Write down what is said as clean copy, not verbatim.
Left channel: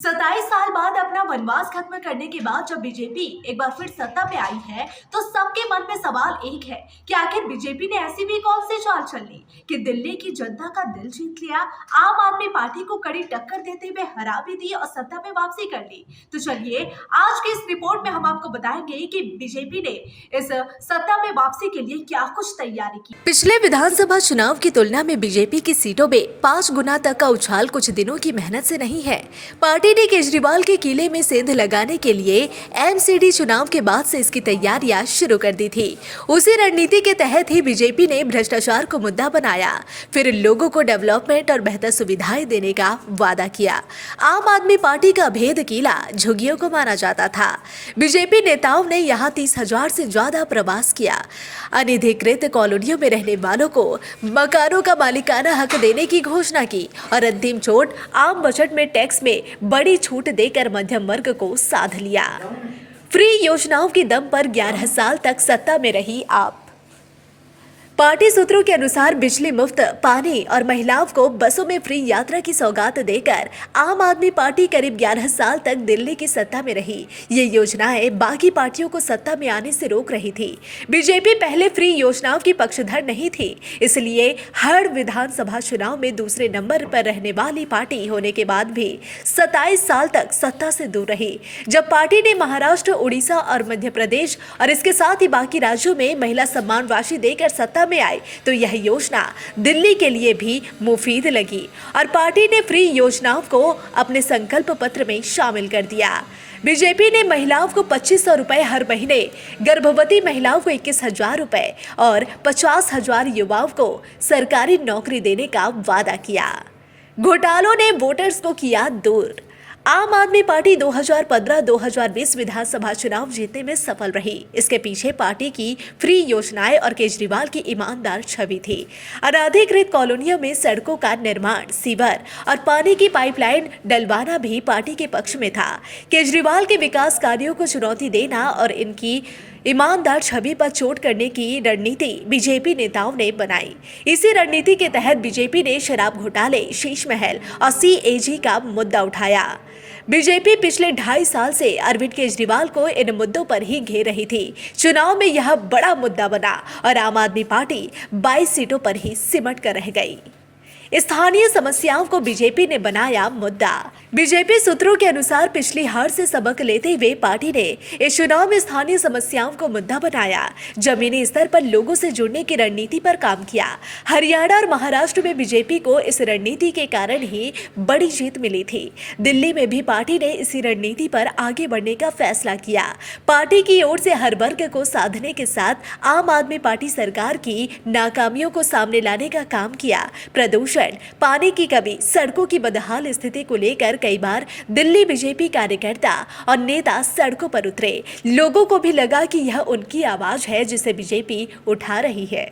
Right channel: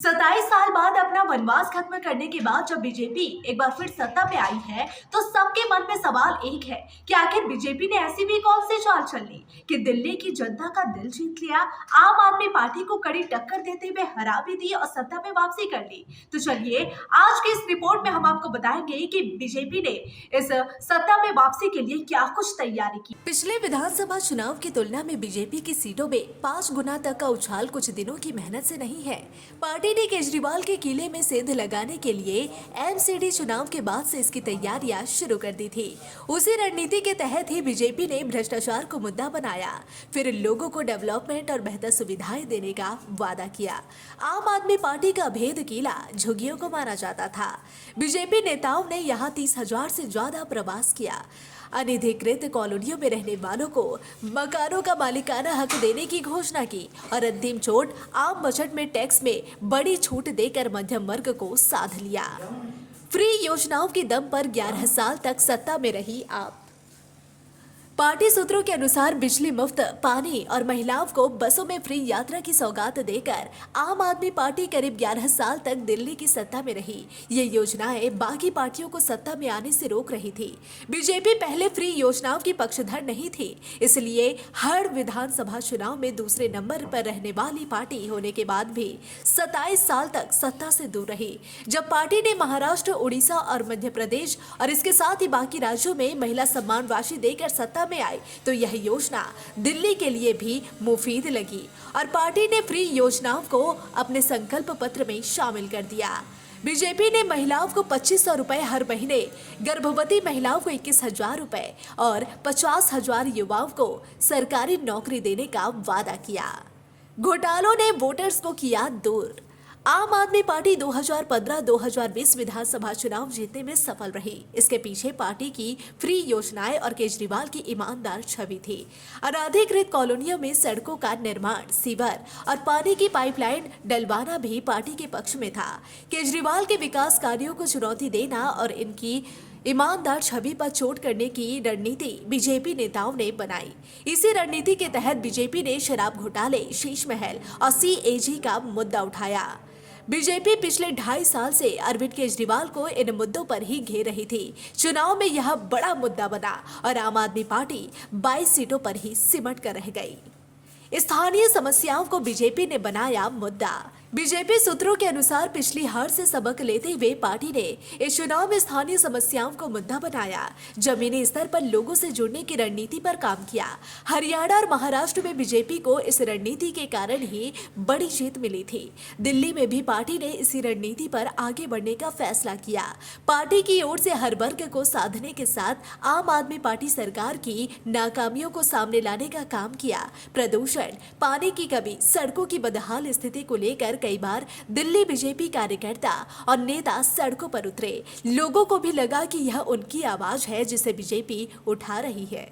27 साल बाद अपना वनवास खत्म करने के बाद जब बीजेपी एक बार फिर सत्ता पे आई है तो सबके मन में सवाल एक है कि आखिर बीजेपी ने ऐसी भी कौन सी चाल चल ली कि दिल्ली की जनता का दिल जीत लिया, आम आदमी पार्टी को कड़ी टक्कर देते हुए हरा भी दी और सत्ता पे वापसी कर ली। तो चलिए आज की इस रिपोर्ट में हम आपको बताएंगे कि बीजेपी ने इस सत्ता में वापसी के लिए क्या कुछ तैयारी की। पिछले विधानसभा चुनाव की तुलना में बीजेपी की सीटों में 5 गुना तक का उछाल कुछ दिनों की मेहनत से नहीं है। पार्टी ने केजरीवाल के किले में सेंध लगाने के लिए एमसीडी चुनाव के बाद से इसकी तैयारियां शुरू कर दी थी। उसी रणनीति के तहत ही बीजेपी ने भ्रष्टाचार को मुद्दा बनाया, फिर लोगों को डेवलपमेंट और बेहतर सुविधाएं देने का वादा किया। आम आदमी पार्टी का भेद किला झुग्गियों को माना जाता था। बीजेपी नेताओं ने यहाँ 30,000 से ज्यादा प्रवास किया, अनधिकृत कॉलोनियों में रहने वालों को मकानों का मालिकाना हक देने की घोषणा की और अंतिम चोट आम बजट में टैक्स में बड़ी छूट देकर मध्यम वर्ग को साध लिया। फ्री योजनाओं के दम पर 11 साल तक सत्ता में रही आप। पार्टी सूत्रों के अनुसार बिजली मुफ्त, पानी और महिलाओं को बसों में फ्री यात्रा की सौगात देकर आम आदमी पार्टी करीब 11 साल तक दिल्ली की सत्ता में रही। ये योजनाएं बाकी पार्टियों को सत्ता में आने से रोक रही थी। बीजेपी पहले फ्री योजनाओं की पक्षधर नहीं थी, इसलिए हर विधानसभा चुनाव में दूसरे नंबर पर रहने वाली पार्टी होने के बाद भी 27 साल तक सत्ता से दूर रही। जब पार्टी ने महाराष्ट्र, उड़ीसा और मध्य प्रदेश और इसके साथ ही बाकी राज्यों में महिला सम्मान राशि देकर सत्ता में आई तो यह योजना दिल्ली के लिए भी मुफीद लगी और पार्टी ने फ्री योजनाओं को अपने संकल्प पत्र में शामिल कर दिया। बीजेपी ने महिलाओं को 2,500 रुपए हर महीने, गर्भवती महिलाओं को 21,000 रुपए और 50,000 युवाओं को सरकारी नौकरी देने का वादा किया। घोटालों ने वोटर्स को किया दूर। आम आदमी पार्टी 2015-2020 विधानसभा चुनाव जीतने में सफल रही। इसके पीछे पार्टी की फ्री योजनाएं और केजरीवाल की ईमानदार छवि थी। अनधिकृत कॉलोनियों में सड़कों का निर्माण, सीवर और पानी की पाइपलाइन डलवाना भी पार्टी के पक्ष में था। केजरीवाल के विकास कार्यों को चुनौती देना और इनकी ईमानदार छवि पर चोट करने की रणनीति बीजेपी नेताओं ने बनाई। इसी रणनीति के तहत बीजेपी ने शराब घोटाले, शीश महल और सीएजी का मुद्दा उठाया। बीजेपी पिछले 2.5 साल से अरविंद केजरीवाल को इन मुद्दों पर ही घेर रही थी। चुनाव में यह बड़ा मुद्दा बना और आम आदमी पार्टी 22 सीटों पर ही सिमट कर रह गई। स्थानीय समस्याओं को बीजेपी ने बनाया मुद्दा। बीजेपी सूत्रों के अनुसार पिछली हार से सबक लेते हुए पार्टी ने इस चुनाव में स्थानीय समस्याओं को मुद्दा बनाया। जमीनी स्तर पर लोगों से जुड़ने की रणनीति पर काम किया। हरियाणा और महाराष्ट्र में बीजेपी को इस रणनीति के कारण ही बड़ी जीत मिली थी। दिल्ली में भी पार्टी ने इसी रणनीति पर आगे बढ़ने का फैसला किया। पार्टी की ओर से हर वर्ग को साधने के साथ आम आदमी पार्टी सरकार की नाकामियों को सामने लाने का काम किया। प्रदूषण, पानी की कमी, सड़कों की बदहाल स्थिति को लेकर कई बार दिल्ली बीजेपी कार्यकर्ता और नेता सड़कों पर उतरे। लोगों को भी लगा कि यह उनकी आवाज है जिसे बीजेपी उठा रही है।